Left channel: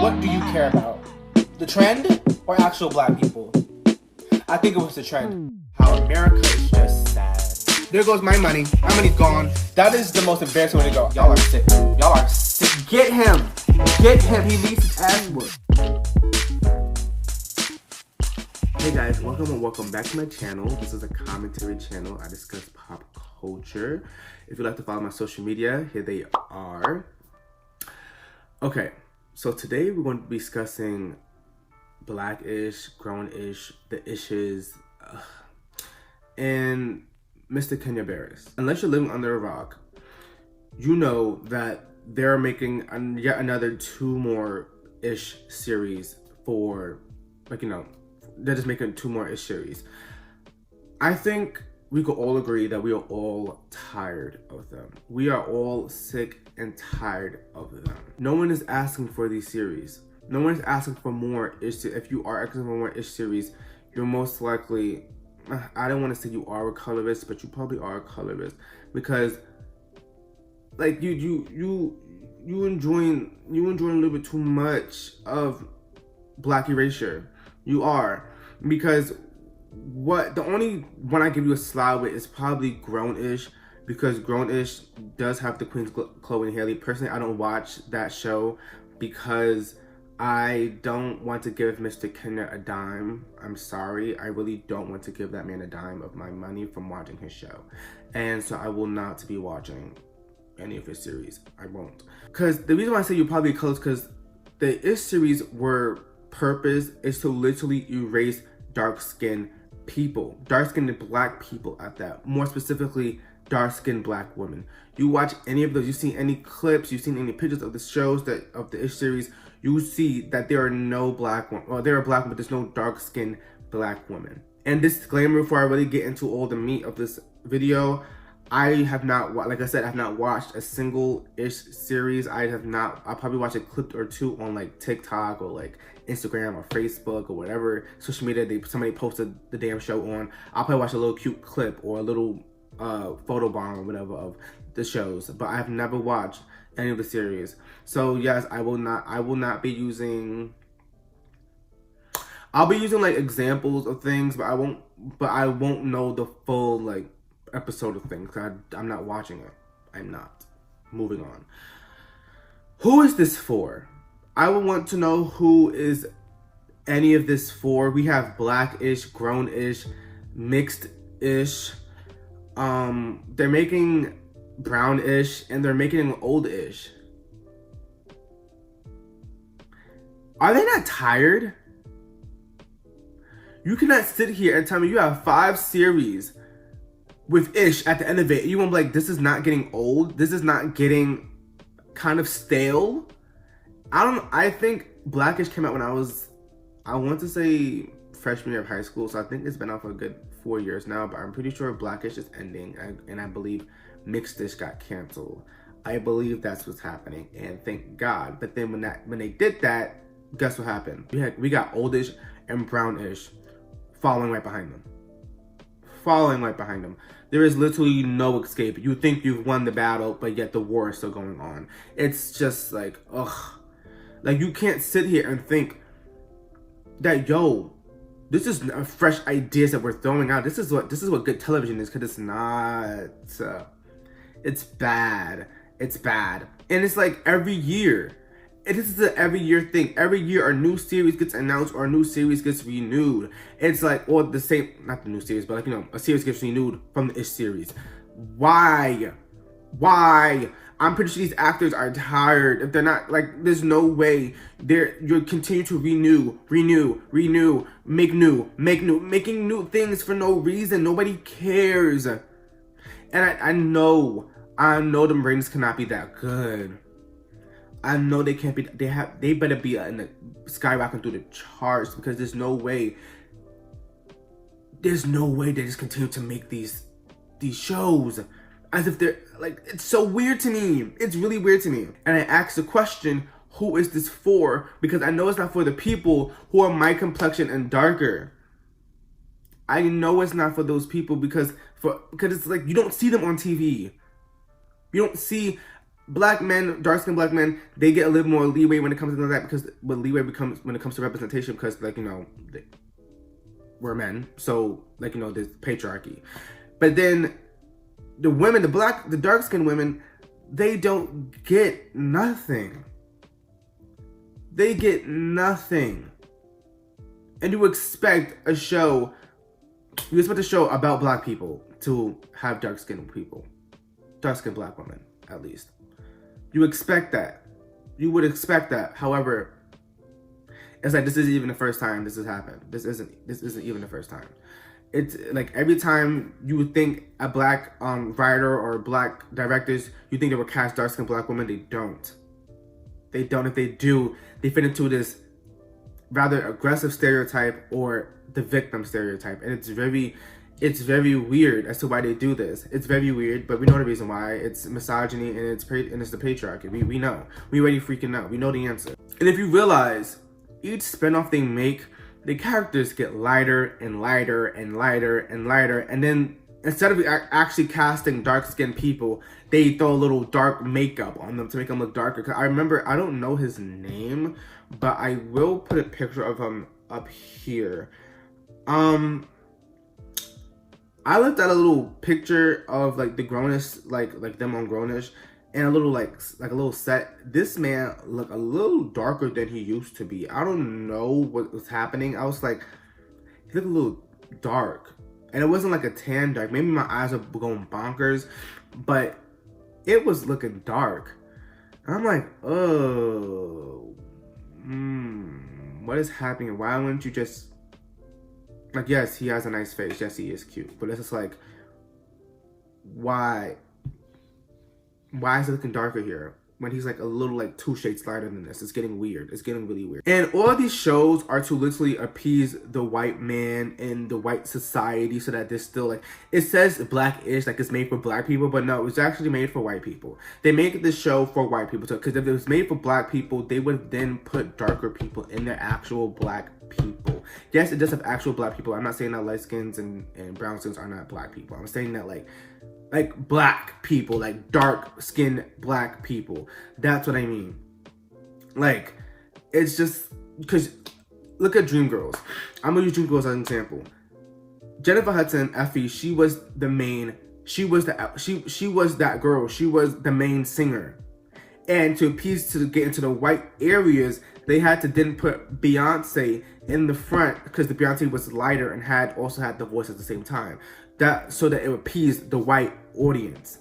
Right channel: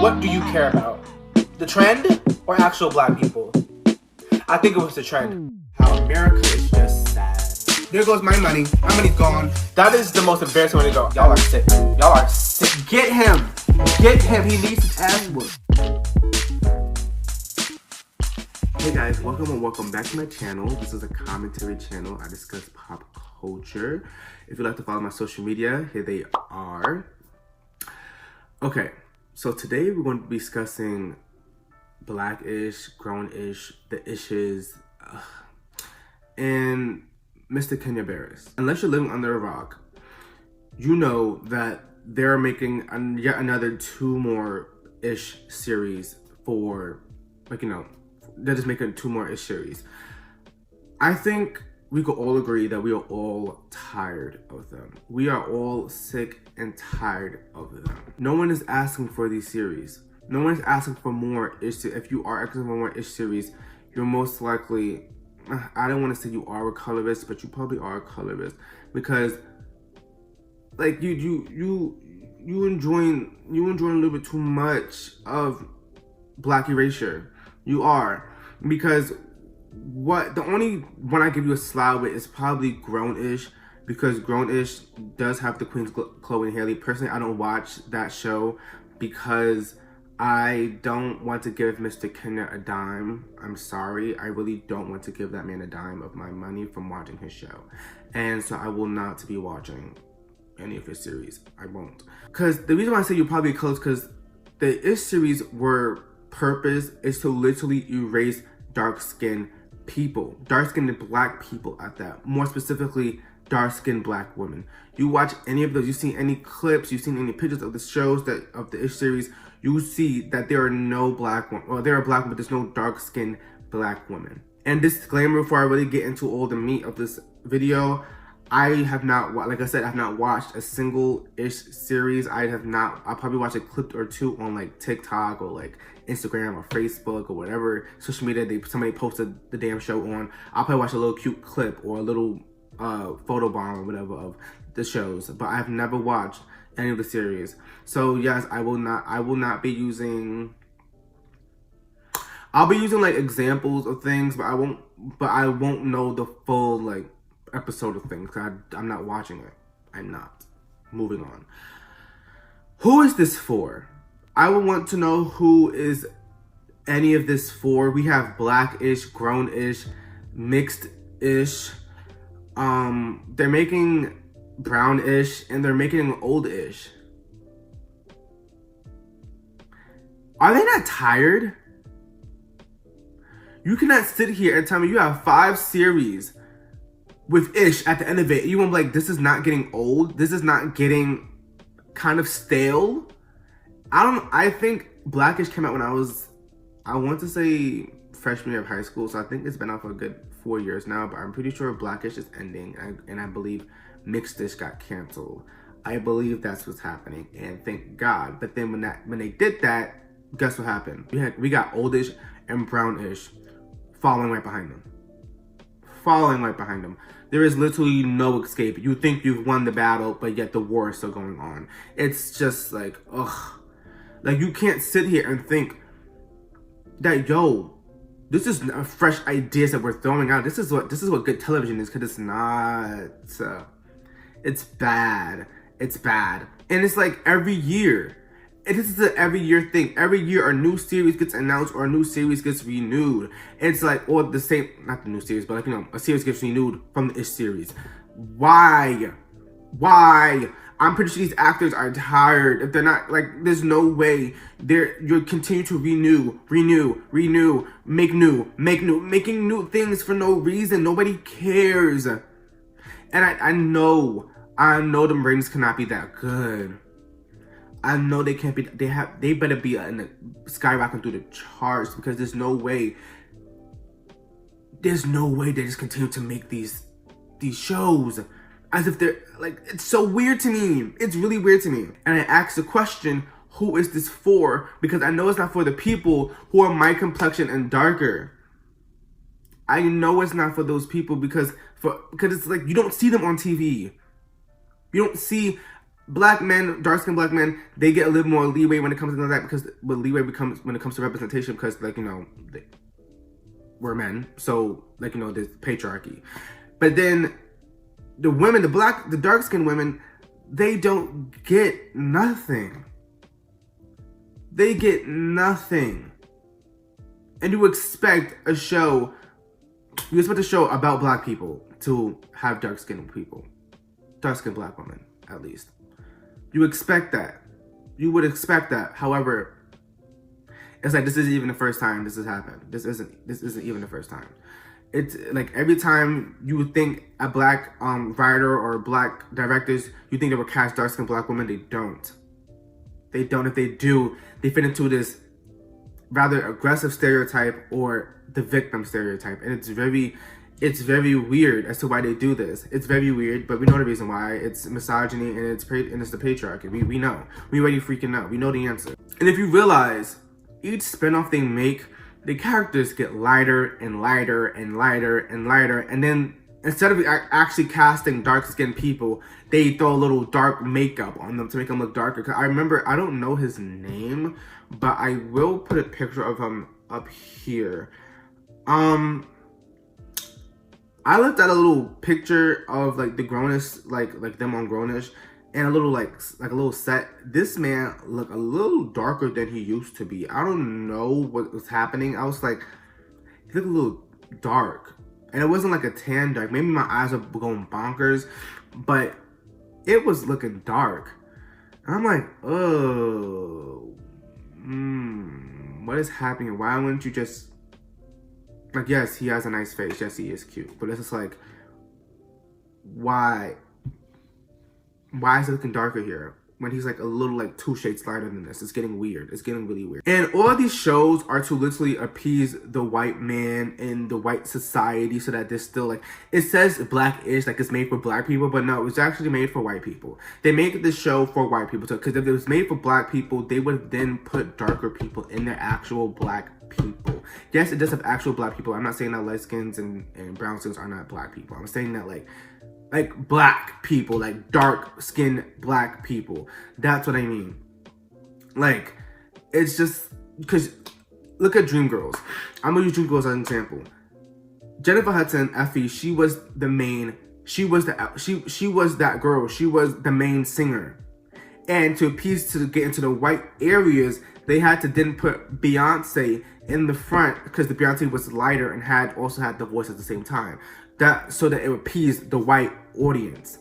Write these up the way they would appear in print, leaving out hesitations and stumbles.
What do you care about? The trend or actual black people? I think it was the trend. How America is just sad. There goes my money. My money's gone. That is the most embarrassing way to go. Y'all are sick. Y'all are sick. Get him. Get him. He needs his ass whooped. Hey guys, welcome back to my channel. This is a commentary channel. I discuss pop culture. If you'd like to follow my social media, here they are. Okay, so today we're going to be discussing blackish, grownish, the issues, and Mr. Kenya Barris. Unless you're living under a rock, you know that they're making yet another 2 more ish series for, they're just making 2 more ish series. I think we could all agree that we are all tired of them. We are all sick and tired of them. No one is asking for these series. No one is asking for more ish. If you are asking for more ish series, you're most likely, I don't want to say you are a colorist, but you probably are a colorist, because like you enjoying a little bit too much of black erasure. You are, because the only one I give you a slide with is probably grownish, because grownish does have the queens Chloe and Haley. Personally, I don't watch that show because I don't want to give Mr. Kenya a dime. I'm sorry, I really don't want to give that man a dime of my money from watching his show, and so I will not be watching any of his series. I won't, because the reason why I say you're probably close, because the ish series were purpose is to literally erase dark-skinned people, dark-skinned black people at that, more specifically dark-skinned black women. You watch any of those, you see any clips, you've seen any pictures of the shows of the ish series, you see that there are no black women, or there are black women, but there's no dark-skinned black women. And disclaimer before I really get into all the meat of this video, I have not, like I said, I have not watched a single ish series. I'll probably watch a clip or 2 on like TikTok or like Instagram or Facebook or whatever social media somebody posted the damn show on. I'll probably watch a little cute clip or a little photo bomb or whatever of the shows, but I have never watched any of the series. So yes, I will not be using, I'll be using like examples of things, but I won't know the full like episode of things. I'm not watching it. I'm not. Moving on. Who is this for? I would want to know who is any of this for. We have blackish, grownish, mixed-ish. They're making brownish, and they're making oldish. Are they not tired? You cannot sit here and tell me you have 5 series with ish at the end of it. You won't be like, this is not getting old. This is not getting kind of stale. I think blackish came out when I want to say freshman year of high school. So I think it's been out for a good 4 years now, but I'm pretty sure blackish is ending. And I believe mixed-ish got canceled. I believe that's what's happening, and thank God. But then when they did that, guess what happened? We got oldish and brownish following right behind them. There is literally no escape. You think you've won the battle, but yet the war is still going on. It's just like, ugh. Like, you can't sit here and think that, yo, this is fresh ideas that we're throwing out. This is what good television is, because it's not. It's bad. It's bad. And it's like every year. This is an every year thing. Every year a new series gets announced or a new series gets renewed. It's like, or the same, not the new series, but like, a series gets renewed from the ish series. Why? I'm pretty sure these actors are tired. If they're not, like, there's no way you're continue to renew, making new things for no reason. Nobody cares. And I know the ratings cannot be that good. I know they can't be. They better be skyrocketing through the charts, because there's no way they just continue to make these shows as if they're like. It's so weird to me. It's really weird to me. And I asked the question, who is this for? Because I know it's not for the people who are my complexion and darker. I know it's not for those people, because it's like you don't see them on TV. You don't see black men, dark-skinned black men, they get a little more leeway when it comes to that, because when it comes to representation, because like, you know, we're men, so like, you know, there's patriarchy. But then the women, the dark-skinned women, they don't get nothing. They get nothing. And you expect a show about black people to have dark-skinned people. Dark-skinned black women, at least. You expect that. You would expect that. However, it's like, this isn't even the first time this has happened. This isn't even the first time. It's like every time you would think a black writer or black directors, you think they would cast dark-skinned black women. They don't. They don't. If they do, they fit into this rather aggressive stereotype or the victim stereotype, and it's very weird as to why they do this. It's very weird, but we know the reason why. It's misogyny, and it's the patriarchy. We know. We already freaking know. We know the answer. And if you realize, each spinoff they make, the characters get lighter and lighter and lighter and lighter, and then instead of actually casting dark-skinned people, they throw a little dark makeup on them to make them look darker. 'Cause I remember, I don't know his name, but I will put a picture of him up here. I looked at a little picture of like the grownish, like them on grownish, and a little like a little set. This man looked a little darker than he used to be. I don't know what was happening. I was like, he looked a little dark, and it wasn't like a tan dark. Maybe my eyes were going bonkers, but it was looking dark. And I'm like, oh, what is happening? Why wouldn't you just, like, yes, he has a nice face. Yes, he is cute. But it's just like, why? Why is it looking darker here when he's like a little like 2 shades lighter than this? It's getting weird. It's getting really weird. And all of these shows are to literally appease the white man and the white society so that there's still like, it says blackish, like it's made for black people, but no, it's actually made for white people. They make this show for white people. So, because if it was made for black people, they would then put darker people in their actual black people. Yes, it does have actual black people. I'm not saying that light skins and brown skins are not black people. I'm saying that like black people, like dark-skinned black people. That's what I mean. Like, it's just, because look at Dreamgirls. I'm gonna use Dreamgirls as an example. Jennifer Hudson, Effie, she was the main, she was that girl. She was the main singer. And to appease, to get into the white areas, they had to then put Beyonce in the front, because the Beyonce was lighter and also had the voice at the same time. That so that it would appease the white audience.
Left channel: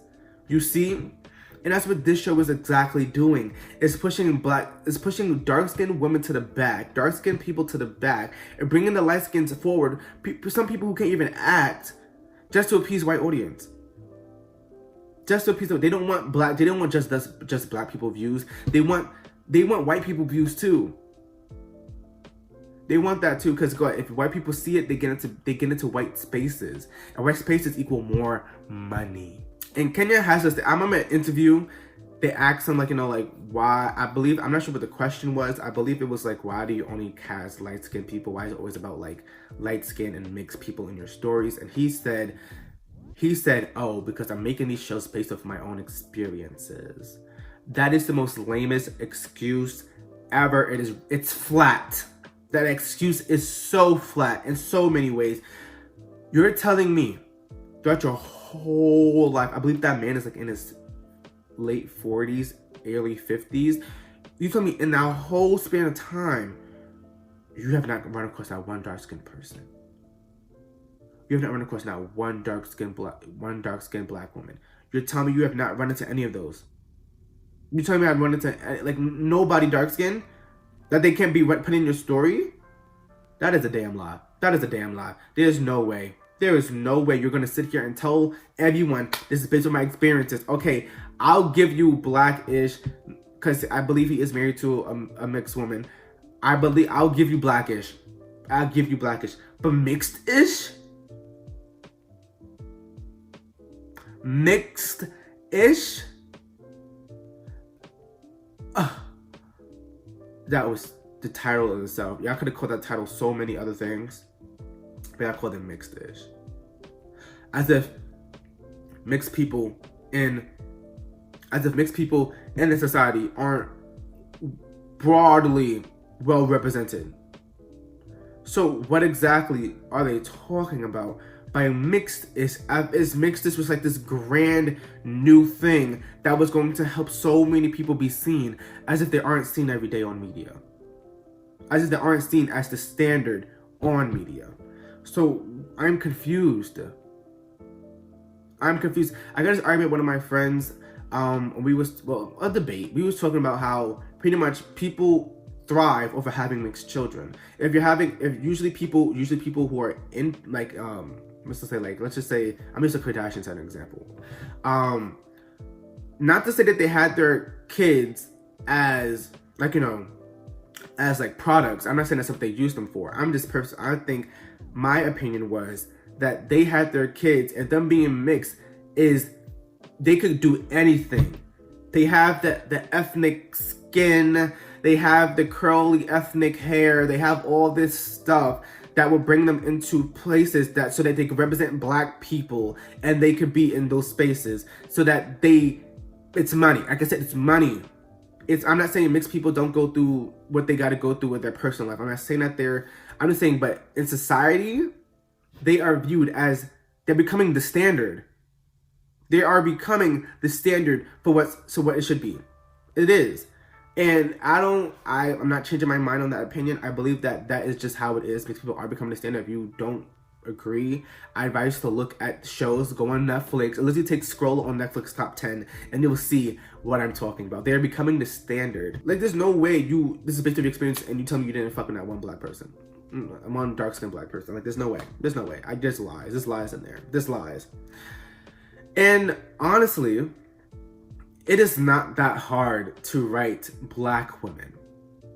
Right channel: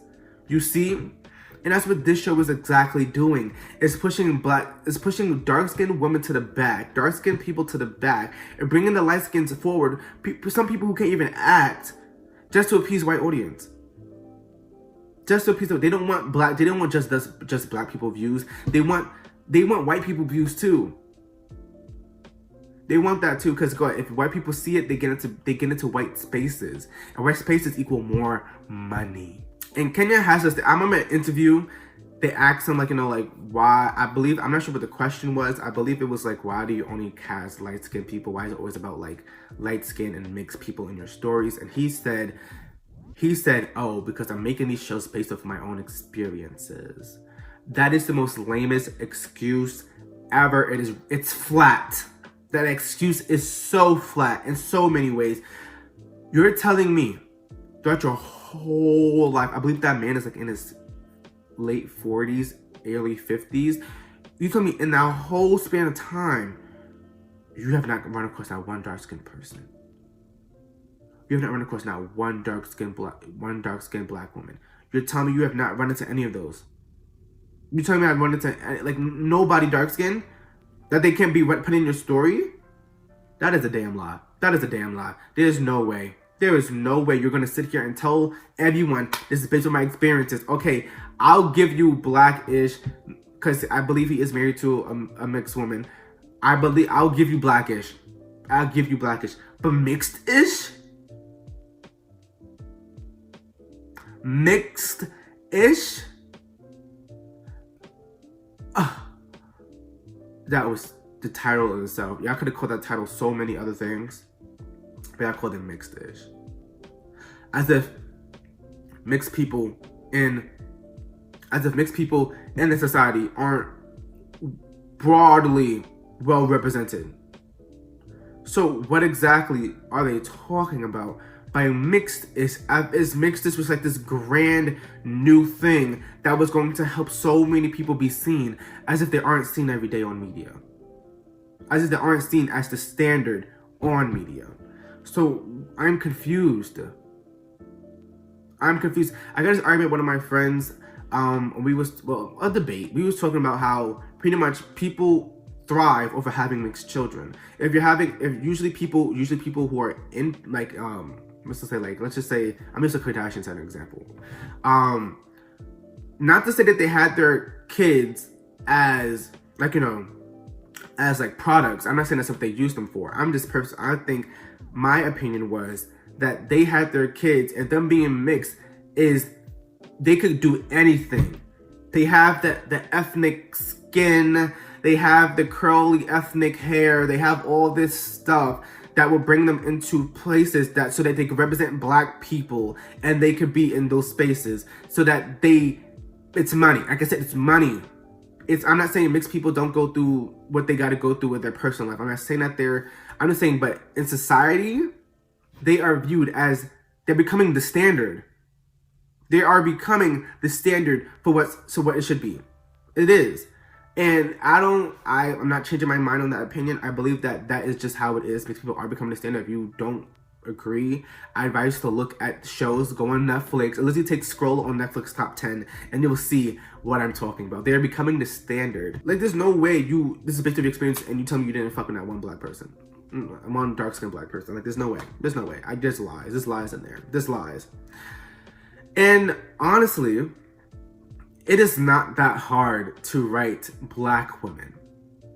You see? And that's what this show is exactly doing. It's pushing dark-skinned women to the back, dark-skinned people to the back, and bringing the light skins forward. Some people who can't even act, just to appease white audience. Just to appease them. They don't want black. They don't want just black people views. They want white people views too. They want that too, because if white people see it, they get into white spaces, and white spaces equal more money. And Kenya has this. I remember an interview. They asked him like, you know, like why? I'm not sure what the question was. I believe it was like, why do you only cast light skinned people? Why is it always about like light skin and mixed people in your stories? And he said, oh, because I'm making these shows based off my own experiences. That is the most lamest excuse ever. It's flat. That excuse is so flat in so many ways. You're telling me throughout your whole life, I believe that man is like in his late 40s, early 50s. You tell me in that whole span of time, you have not run across that one dark-skinned person. You have not run across not one dark-skinned black woman. You're telling me you have not run into any of those. You're telling me I've run into like nobody dark-skinned? That they can't be put in your story? That is a damn lie. That is a damn lie. There's no way. There is no way you're going to sit here and tell everyone this is based on my experiences. Okay, I'll give you blackish, because I believe he is married to a mixed woman. I'll give you blackish. I'll give you blackish. But mixed-ish? Mixed-ish? That was the title of itself. Y'all could have called that title so many other things, but I called it mixed-ish. As if mixed people in as if mixed people in the society aren't broadly well represented. So what exactly are they talking about by mixed? Is mixed this was like this grand new thing that was going to help so many people be seen, as if they aren't seen every day on media, as if they aren't seen as the standard on media. So I'm confused. I got this argument with one of my friends. A debate. We was talking about how pretty much people thrive over having mixed children. Usually people who are in like let's just say I'm just a Kardashians as an example. Not to say that they had their kids as as like products. I'm not saying that's what they used them for. I think my opinion was that they had their kids, and them being mixed is they could do anything. They have the ethnic skin, they have the curly ethnic hair, they have all this stuff that will bring them into places so that they can represent Black people, and they could be in those spaces so that it's money. Like I said, it's money. I'm not saying mixed people don't go through what they got to go through with their personal life. I'm not saying that I'm just saying, but in society, they are viewed as, they're becoming the standard. They are becoming the standard for what it should be. It is. And I'm not changing my mind on that opinion. I believe that is just how it is. Mixed people are becoming the standard. If you don't agree, I advise you to look at shows, go on Netflix, or literally scroll on Netflix top 10, and you'll see what I'm talking about. They are becoming the standard. Like, there's no way this is based on your experience and you tell me you didn't fuck with that one Black person. One dark-skinned Black person. Like, there's no way. There's no way. There's lies. There's lies in there. There's lies. And honestly, it is not that hard to write Black women.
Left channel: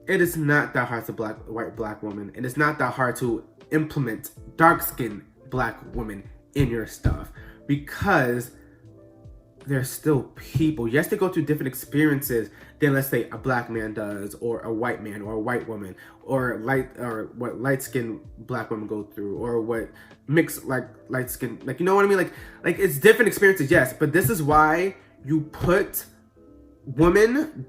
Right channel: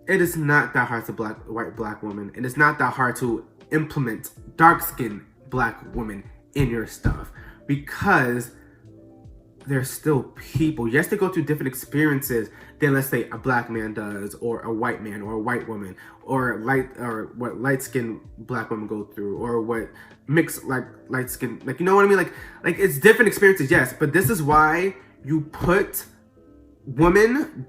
It is not that hard to write Black women. And it's not that hard to implement dark-skinned Black women in your stuff, because they're still people. Yes, they go through different experiences than, let's say, a Black man does, or a white man, or a white woman, or what light-skinned Black women go through, or what mixed light-skinned, you know what I mean? Like it's different experiences, yes, but this is why you put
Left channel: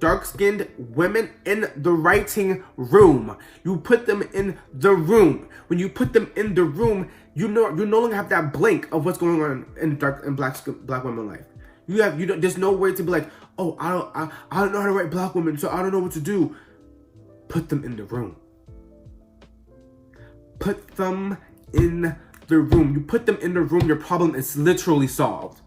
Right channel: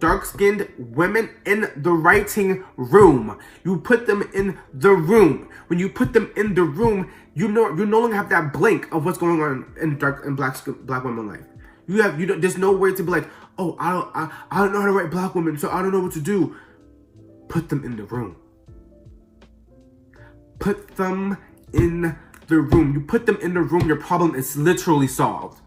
dark-skinned women in the writing room. You put them in the room. When you put them in the room, you no longer have that blink of what's going on in Black women's life. There's no way to be like, oh, I don't know how to write Black women, so I don't know what to do. Put them in the room. Put them in the room. You put them in the room, your problem is literally solved.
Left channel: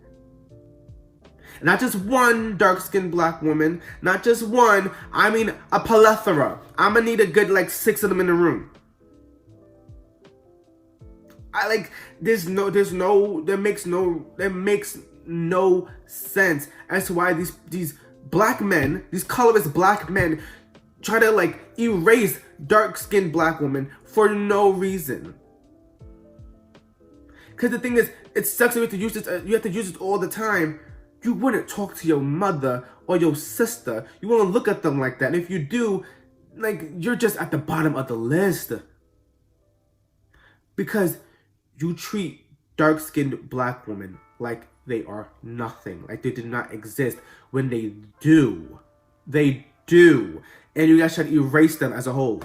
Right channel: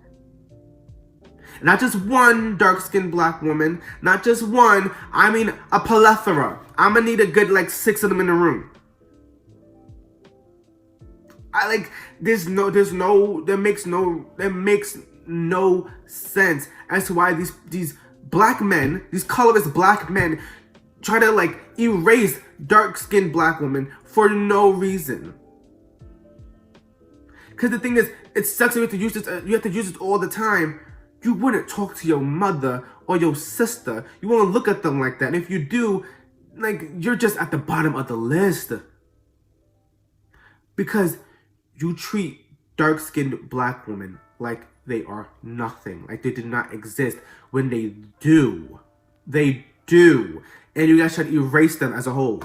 Not just one dark-skinned Black woman, not just one, I mean a plethora. I'm gonna need a good 6 of them in the room. That makes no sense as to why these Black men, these colorist Black men, try to erase dark-skinned Black women for no reason. Because the thing is, it sucks that you have to use this all the time. You wouldn't talk to your mother or your sister. You won't look at them like that. And if you do, you're just at the bottom of the list. Because you treat dark-skinned Black women like they are nothing. Like they did not exist, when they do. They do. And you guys try to erase them as a whole.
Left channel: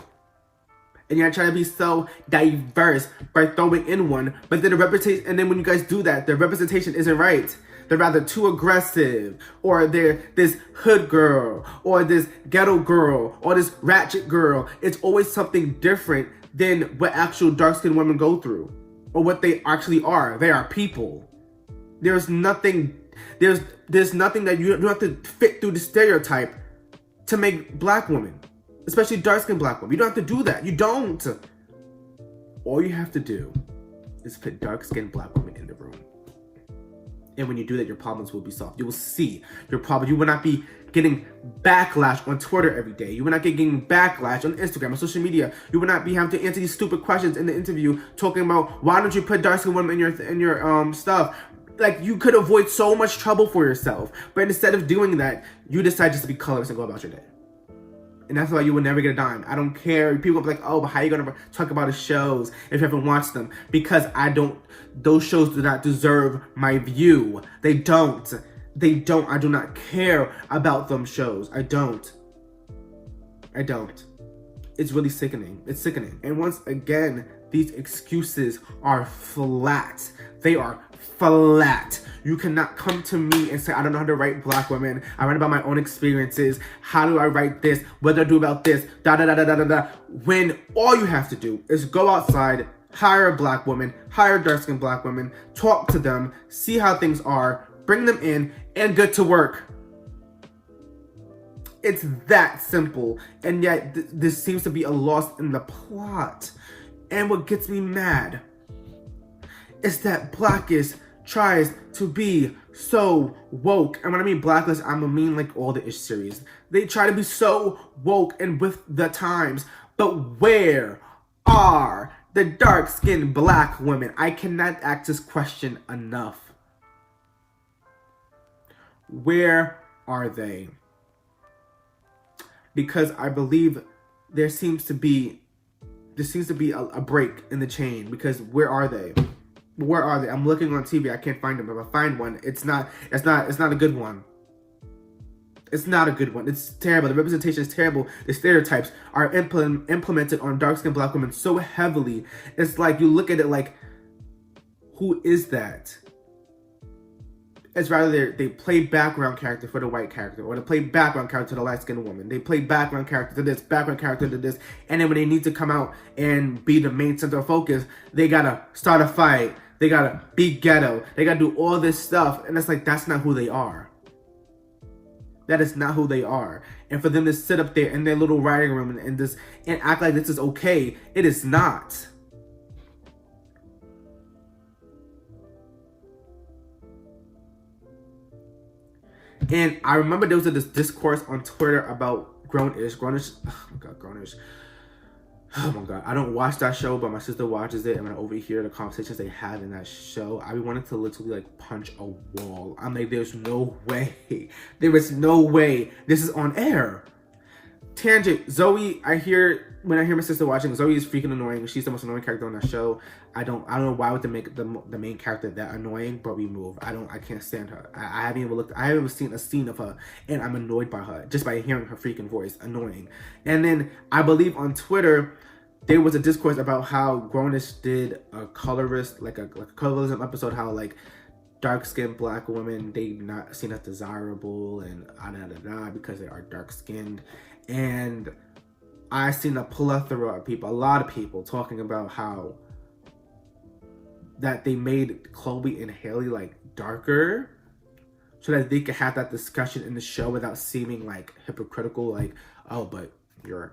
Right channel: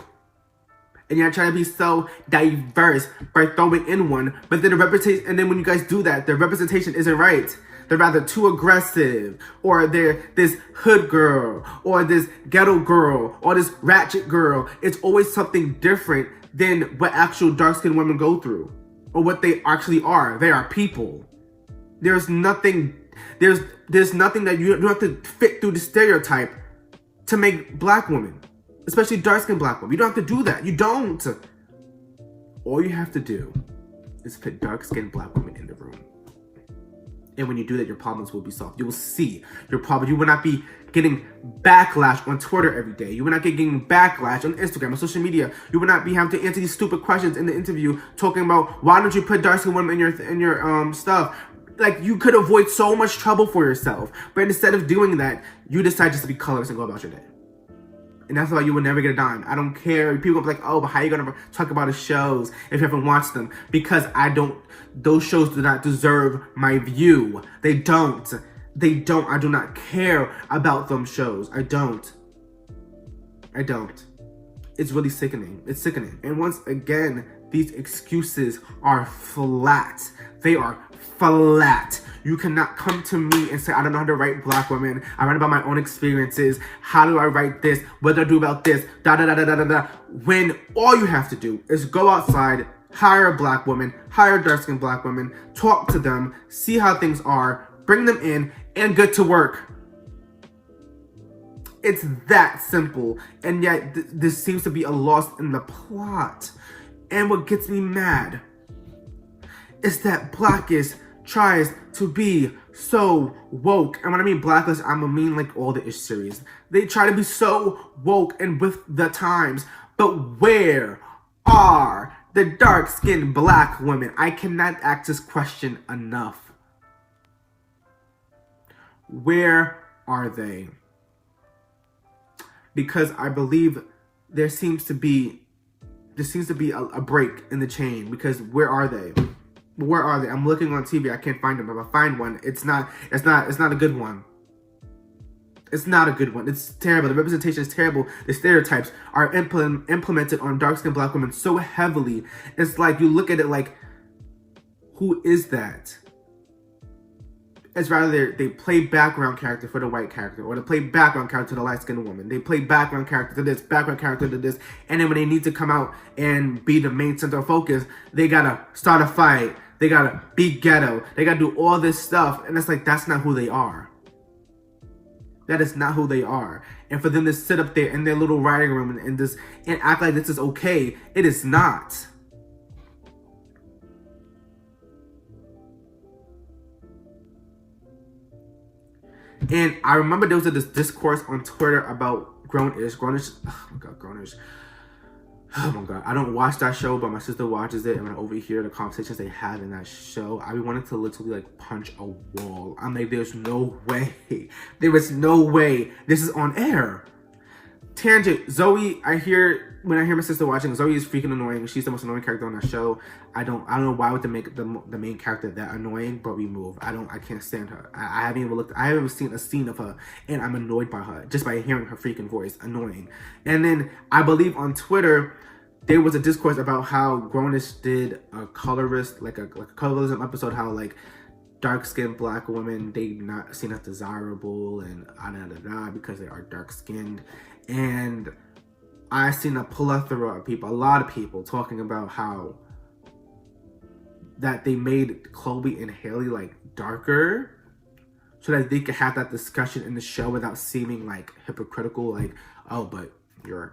And you're trying to be so diverse by throwing in one. But then when you guys do that, the representation isn't right. They're rather too aggressive, or they're this hood girl, or this ghetto girl, or this ratchet girl. It's always something different than what actual dark-skinned women go through, or what they actually are. They are people. There's nothing that you don't have to fit through the stereotype to make Black women, especially dark-skinned Black women. You don't have to do that. You don't. All you have to do is put dark-skinned Black women in the room. And when you do that, your problems will be solved. You will see your problem. You will not be getting backlash on Twitter every day. You will not be getting backlash on Instagram, on social media. You will not be having to answer these stupid questions in the interview talking about, why don't you put dark-skinned women in your stuff? You could avoid so much trouble for yourself. But instead of doing that, you decide just to be colorist and go about your day. And that's why you will never get a dime. I don't care. People will be like, oh, but how are you going to talk about the shows if you haven't watched them? Because those shows do not deserve my view. They don't. They don't. I do not care about them shows. I don't. It's really sickening. It's sickening. And once again, these excuses are flat. They are flat. You cannot come to me and say, I don't know how to write Black women. I write about my own experiences. How do I write this? What do I do about this? Da da da da da da da. When all you have to do is go outside, hire a Black woman, hire dark-skinned Black women, talk to them, see how things are, bring them in, and get to work. It's that simple. And yet, this seems to be a loss in the plot. And what gets me mad is that Blackish tries to be so woke. And when I mean Blackish, I mean like all the Ish series. They try to be so woke and with the times. But where are the dark-skinned Black women? I cannot ask this question enough. Where are they? Because I believe there seems to be a break in the chain. Because where are they? Where are they? I'm looking on TV. I can't find them. If I find one, it's not a good one. It's not a good one. It's terrible. The representation is terrible. The stereotypes are implemented on dark-skinned Black women so heavily. It's like you look at it like, who is that? It's rather they play background character for the white character, or they play background character to the light-skinned woman. They play background character to this, background character to this, and then when they need to come out and be the main center of focus, they gotta start a fight. They gotta be ghetto. They gotta do all this stuff, and it's like, that's not who they are. That is not who they are. And for them to sit up there in their little writing room and act like this is okay, it is not. And I remember there was this discourse on Twitter about grownish. Oh my God, grownish. Oh my God. I don't watch that show, but my sister watches it. And I overhear the conversations they have in that show. I be wanting to literally like punch a wall. I'm like, there's no way. There is no way this is on air. Tangent. Zoe, when I hear my sister watching, Zoe is freaking annoying. She's the most annoying character on that show. I don't know why would they make the main character that annoying, but we move. I can't stand her. I haven't even seen a scene of her, and I'm annoyed by her just by hearing her freaking voice. Annoying. And then I believe on Twitter there was a discourse about how Grownish did a Color-ist, like a colorism episode, how like dark-skinned Black women, they not seen as desirable and because they are dark-skinned. And I've seen a plethora of people, a lot of people talking about how that they made Chloe and Haley like darker so that they could have that discussion in the show without seeming like hypocritical, like, oh, but you're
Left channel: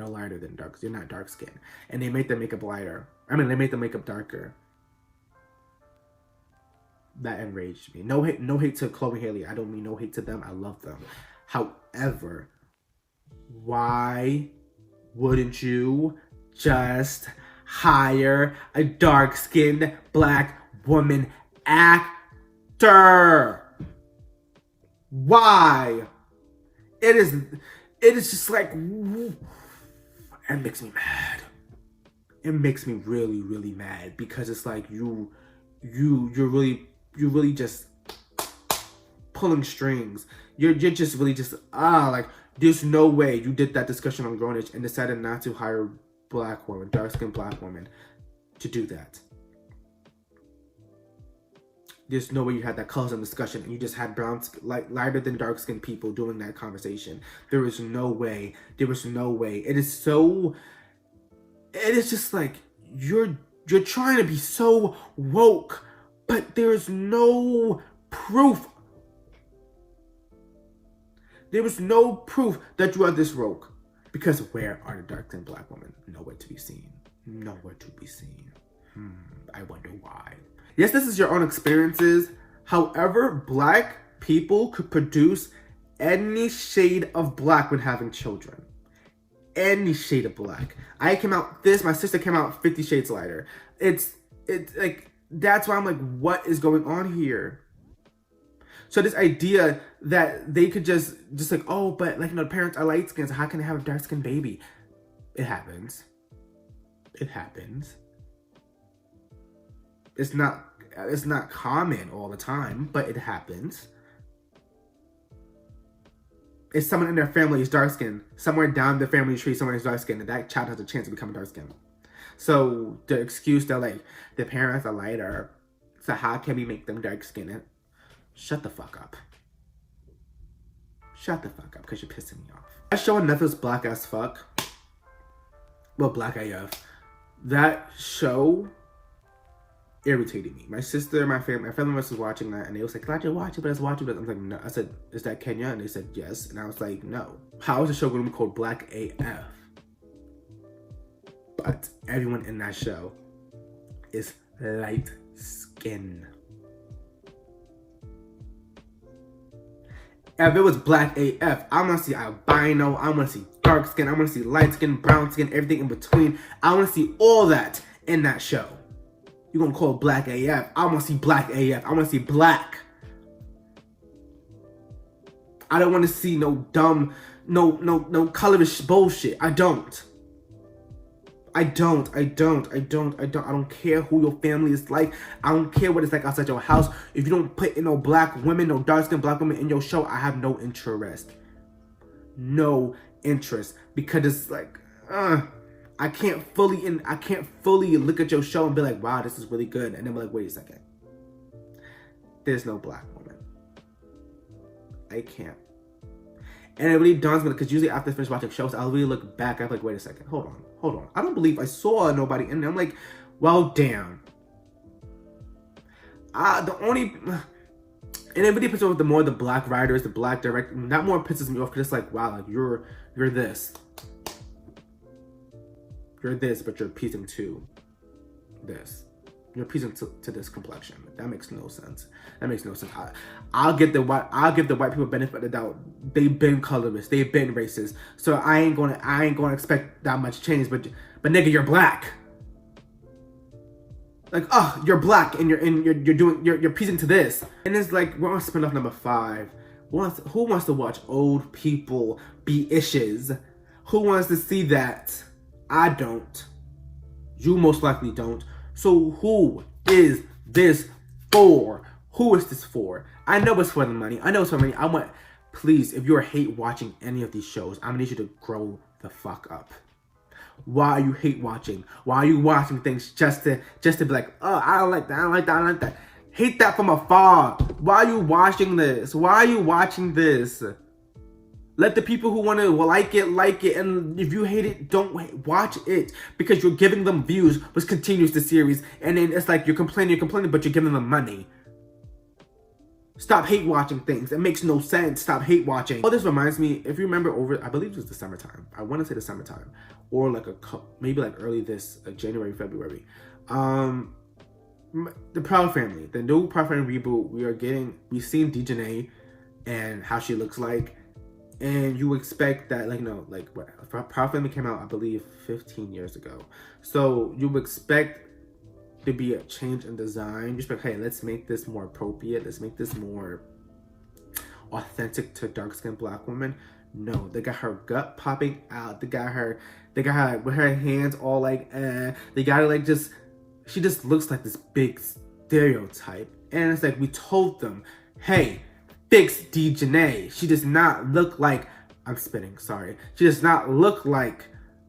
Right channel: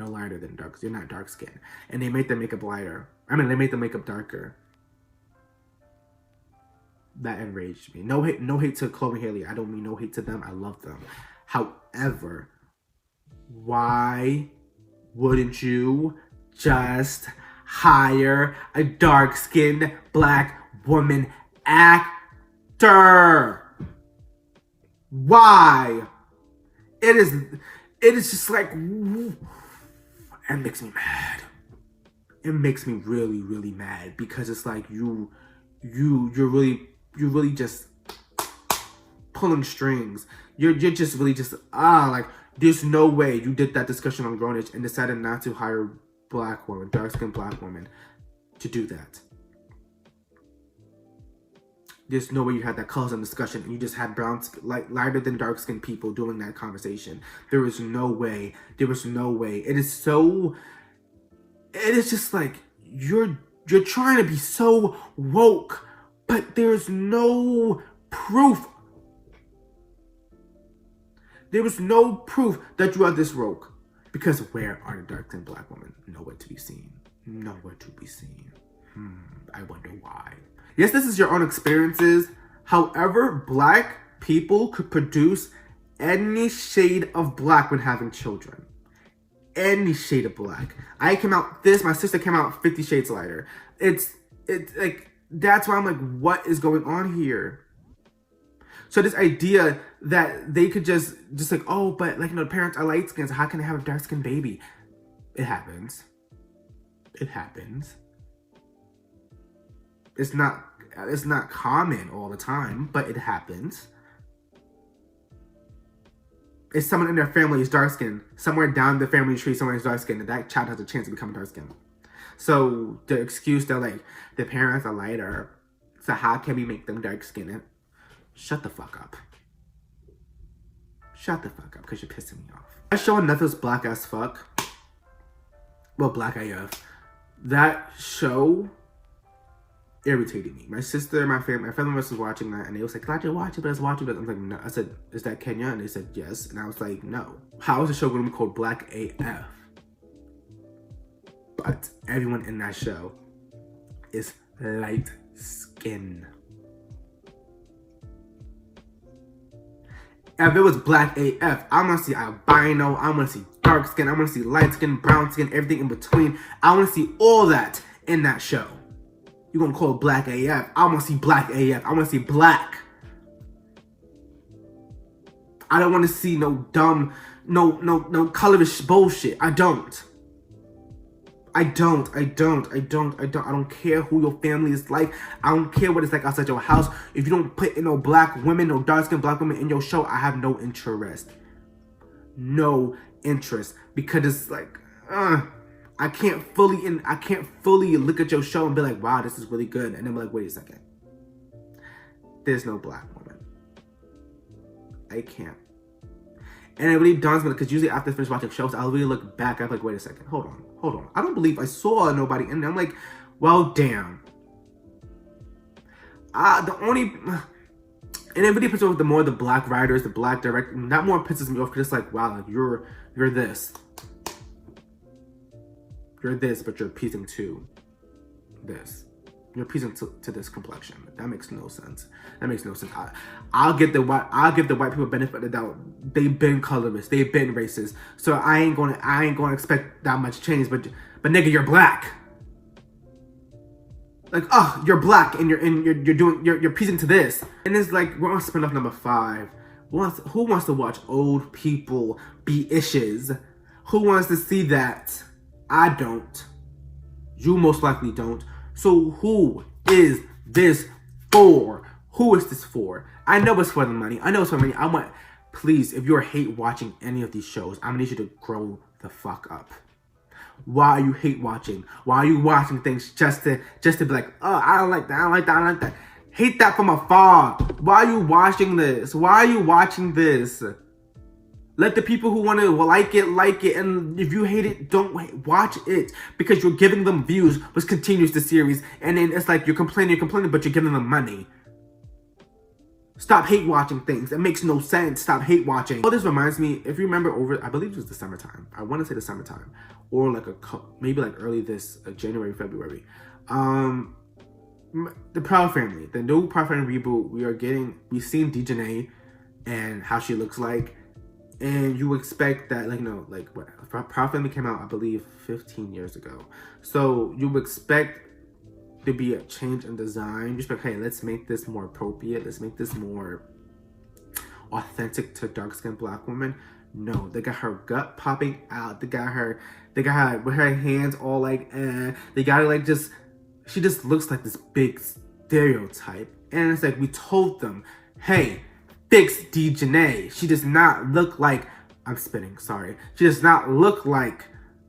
lighter than dark, you're not dark skinned. And they made the makeup lighter. They made the makeup darker. That enraged me. No hate to Chloe and Haley. I don't mean no hate to them. I love them. However, why wouldn't you just hire a dark-skinned Black woman actor? Why? It is just like, it makes me mad. It makes me really, really mad, because it's like you're really just pulling strings. You're just really just like, there's no way you did that discussion on Grownish and decided not to hire Black woman, dark-skinned Black woman, to do that. There's no way you had that colorism discussion and you just had brown, like lighter than dark-skinned people doing that conversation. There is no way. There is no way. It is just like you're trying to be so woke, but there's no proof. There is no proof that you are this woke. Because where are the dark-skinned Black women? Nowhere to be seen. Nowhere to be seen. I wonder why. Yes, this is your own experiences. However, Black people could produce any shade of Black when having children. Any shade of Black. I came out this, my sister came out 50 shades lighter. It's like, that's why I'm like, what is going on here? So this idea that they could just like, oh, but like, the parents are light skinned, so how can they have a dark skinned baby? It happens. It happens. It's not common all the time, but it happens. if someone in their family is dark skinned, somewhere down the family tree, someone is dark skinned, and that child has a chance to become dark skinned. So the excuse they're like, the parents are lighter, so how can we make them dark skinned? Shut the fuck up. Shut the fuck up, because you're pissing me off. That show on Netflix, Black as Fuck. Well, Black AF. That show irritated me. My sister, my family was watching that, and they was like, "Glad you watch it, but let's watch it." I'm like, "No." I said, "Is that Kenya?" And they said, "Yes." And I was like, "No. How is the show going to be called Black AF?" But everyone in that show is light skin. If it was Black AF, I want to see albino, I want to see dark skin, I want to see light skin, brown skin, everything in between. I want to see all that in that show. You're going to call it Black AF. I want to see Black AF. I want to see black. I don't want to see no dumb, no color-ist bullshit. I don't care who your family is like. I don't care what it's like outside your house. If you don't put in no black women, no dark-skinned black women in your show, I have no interest. No interest. Because it's like, I can't fully look at your show and be like, wow, this is really good. And then be like, wait a second. There's no black woman. I can't. And it really dawns me, because usually after I finish watching shows, I'll really look back. I'm like, wait a second, hold on. I don't believe I saw nobody in there. I'm like, well, damn. And it really pisses me off the more the black writers, the black director. That more pisses me off, because it's like, wow, like you're this. You're this, but you're appeasing to this. You're appeasing to this complexion. That makes no sense. I'll give the white people benefit of the doubt. They've been colorist. They've been racist. So I ain't gonna expect that much change. But nigga, you're black. Like, oh, you're black and you're appeasing to this. And it's like, we're on spin-off number 5. Who wants to watch old people be issues? Who wants to see that? I don't. You most likely don't. So who is this for? Who is this for? I know it's for the money. I want, please, if you're hate watching any of these shows, I'm gonna need you to grow the fuck up. Why are you hate watching? Why are you watching things just to be like, oh, I don't like that. Hate that from afar. Why are you watching this? Let the people who want to like it, and if you hate it, don't watch it, because you're giving them views, which continues the series, and then it's like you're complaining, but you're giving them money. Stop hate watching things. It makes no sense. Stop hate watching. Oh, this reminds me, if you remember I believe it was the summertime. I want to say the summertime, or like maybe like early this January, February. The Proud Family, the new Proud Family reboot. We've seen Dejanay and how she looks like. And you expect that, what Proud Family came out, I believe, 15 years ago. So you expect to be a change in design. You expect, hey, let's make this more appropriate. Let's make this more authentic to dark-skinned black women. No, they got her gut popping out. They got her with her hands all like, they got her like just, she just looks like this big stereotype. And it's like, we told them, hey, fix Dejanay. She does not look like, she does not look like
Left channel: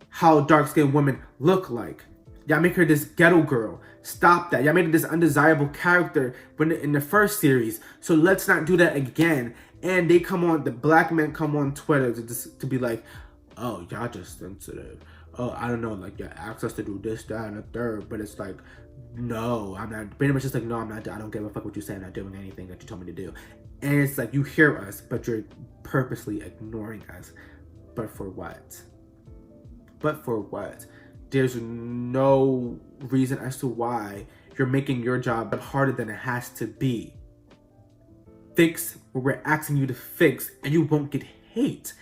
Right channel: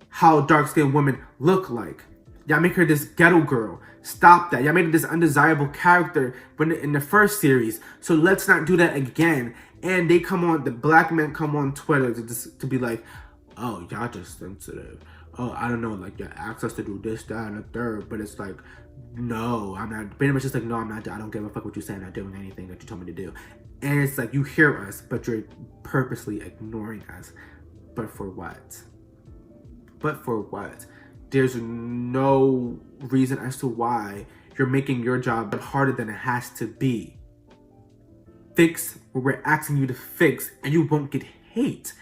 how dark-skinned women look like. Y'all make her this ghetto girl. Stop that. Y'all made her this undesirable character in the first series. So let's not do that again. And the black men come on Twitter to be like, oh, y'all just sensitive. Oh, I don't know, like, you asked us to do this, that, and the third. But it's like, no, I'm not. Pretty much just like, no, I'm not. I don't give a fuck what you say. I'm not doing anything that you told me to do. And it's like, you hear us, but you're purposely ignoring us. But for what? There's no reason as to why you're making your job harder than it has to be. Fix what we're asking you to fix, and you won't get hate.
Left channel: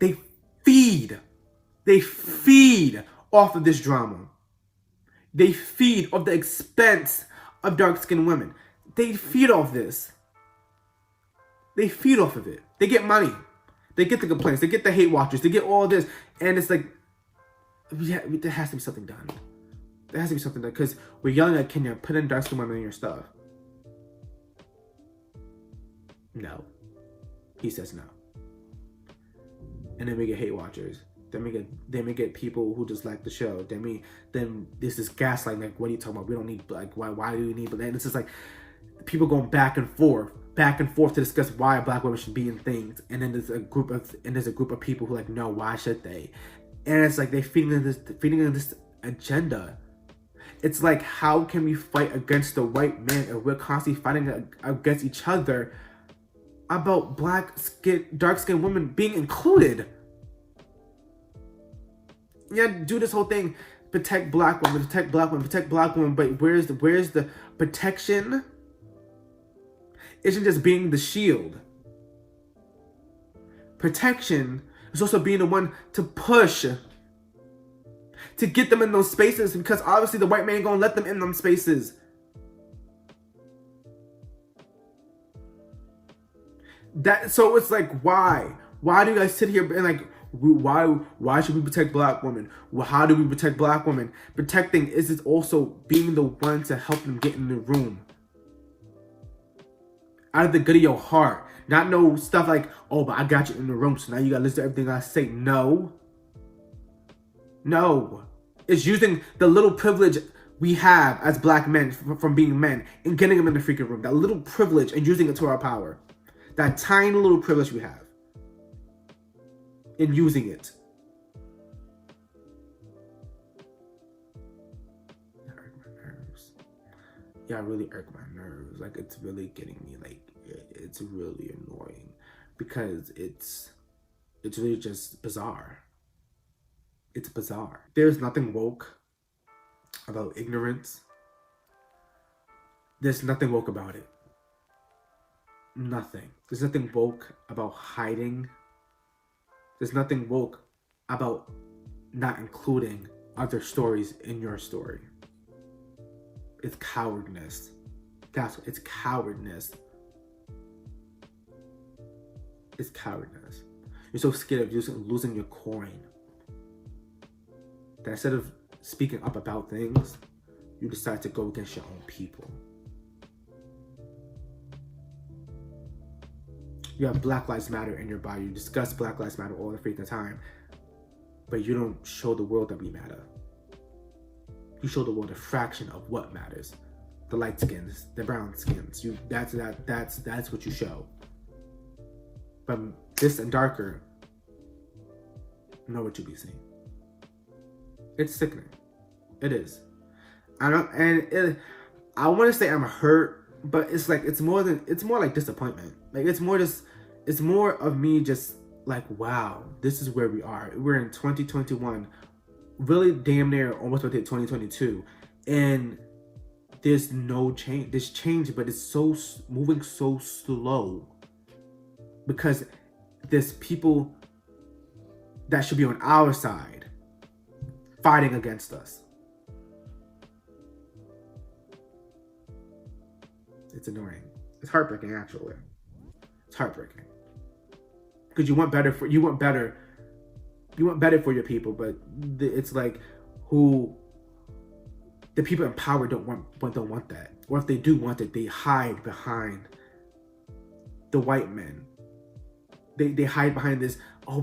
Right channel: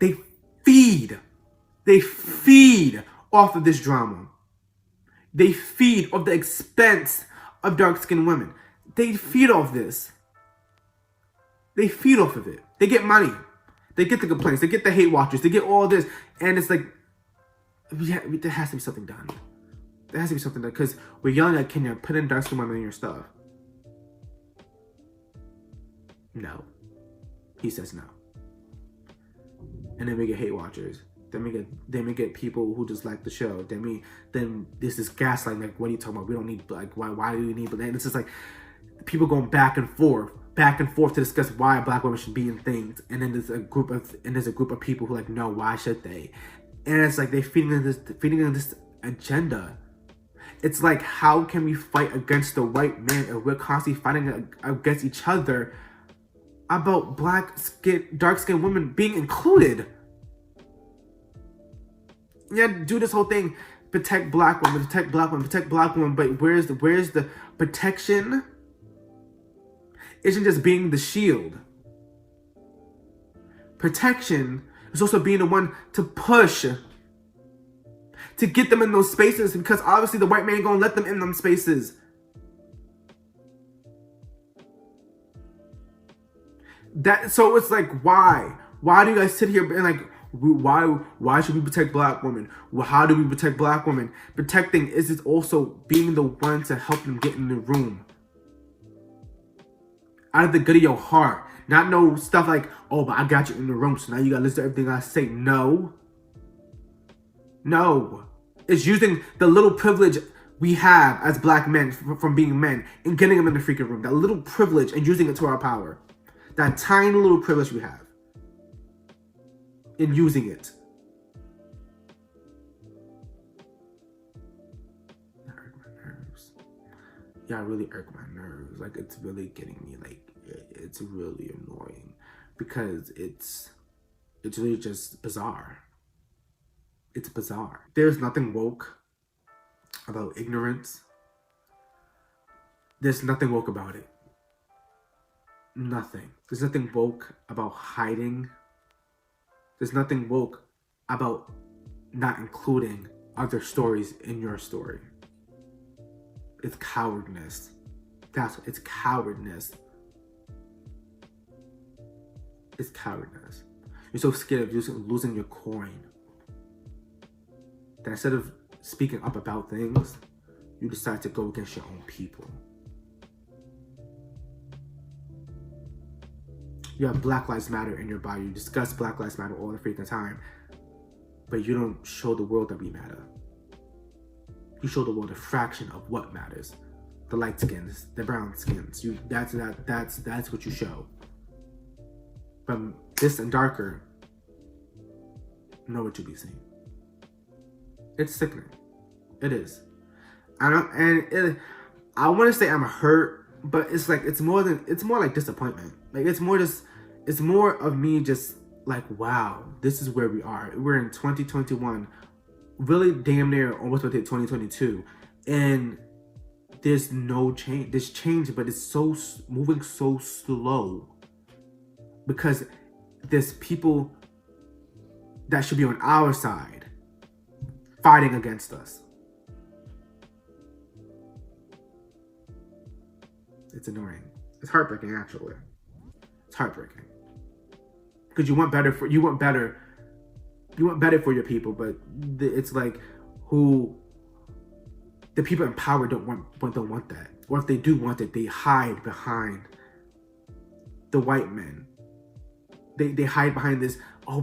They feed off of this drama. They feed off the expense of dark-skinned women. They feed off this. They feed off of it. They get money. They get the complaints. They get the hate watchers. They get all this. And it's like, there has to be something done. There has to be something done. Because we're yelling at Kenya, put in dark-skinned women in your stuff. No. He says no. and then we get hate watchers. Then we get people who just like the show. Then this is gaslighting. Like, what are you talking about? We don't need, like, why do we need? And it's just like people going back and forth to discuss why black women should be in things. And then there's a group of people who are like, no, why should they? And it's like they feeding in this agenda. It's like, how can we fight against the white man if we're constantly fighting against each other about dark skinned women being included? Yeah, do this whole thing, protect black women, but where's the protection? Isn't just being the shield. Protection is also being the one to push, to get them in those spaces, because obviously the white man ain't gonna let them in them spaces. So it's like, why do you guys sit here and like, why should we protect black women? Well, how do we protect black women? Protecting is also being the one to help them get in the room. Out of the good of your heart. Not no stuff like, oh, but I got you in the room, so now you gotta listen to everything I say. No. It's using the little privilege we have as black men from being men and getting them in the freaking room. That little privilege and using it to our power. That tiny little privilege we have. In using it. That irk my nerves. Yeah, really irk my nerves. Like, it's really getting me, like, it's really annoying. Because it's really just bizarre. It's bizarre. There's nothing woke about ignorance. There's nothing woke about it. Nothing. There's nothing woke about hiding. There's nothing woke about not including other stories in your story. It's cowardness. It's cowardness. It's cowardness. You're so scared of losing your coin that instead of speaking up about things, you decide to go against your own people. You have Black Lives Matter in your bio. You discuss Black Lives Matter all the freaking time, but you don't show the world that we matter. You show the world a fraction of what matters. The light skins, the brown skins. That's what you show. But this and darker, nowhere to be seen. It's sickening. It is. I want to say I'm hurt, but it's like it's more like disappointment. Like it's more of me just like, wow, this is where we are. We're in 2021, really damn near almost about to hit 2022, and there's no change. There's change, but it's so moving so slow because there's people that should be on our side fighting against us. It's annoying. It's heartbreaking, actually. It's heartbreaking because you want better for your people, but it's like the people in power don't want that, or if they do want it, they hide behind the white men. They hide behind this. Oh,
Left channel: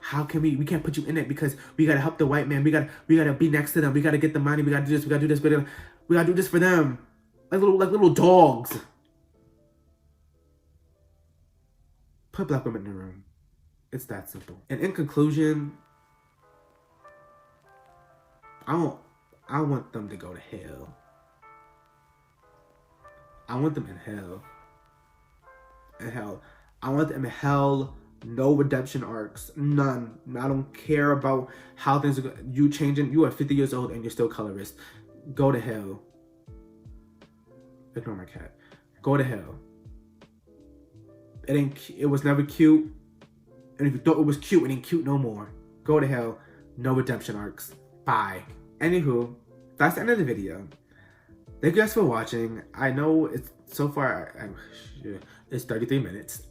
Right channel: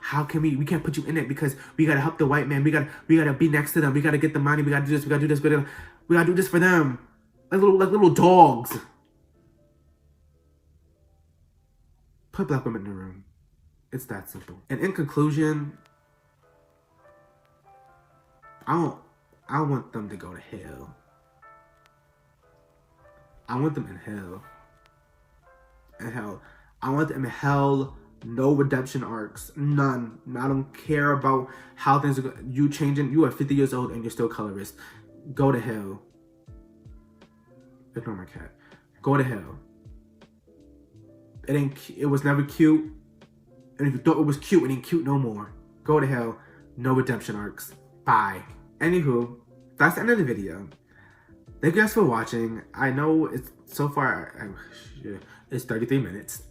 how can we can't put you in it because we gotta help the white man. We gotta be next to them. We gotta get the money. We gotta do this. We gotta do this. We gotta do this for them. Like little dogs. Put black women in the room. It's that simple. And in conclusion, I want them to go to hell. I want them in hell. In hell. I want them in hell. No redemption arcs. None. I don't care about how things are. You changing. You are 50 years old and you're still colorist. Go to hell. Ignore my cat. Go to hell. It was never cute. And if you thought it was cute, it ain't cute no more. Go to hell. No redemption arcs. Bye. Anywho, that's the end of the video. Thank you guys for watching. I know it's so far. It's 33 minutes.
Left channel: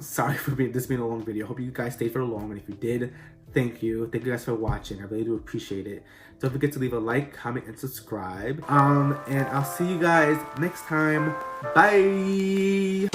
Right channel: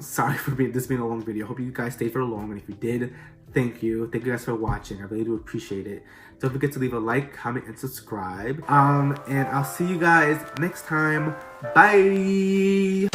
Sorry for this being a long video. Hope you guys stayed for long. And if you did, thank you. Thank you guys for watching. I really do appreciate it. Don't forget to leave a like, comment, and subscribe. And I'll see you guys next time. Bye.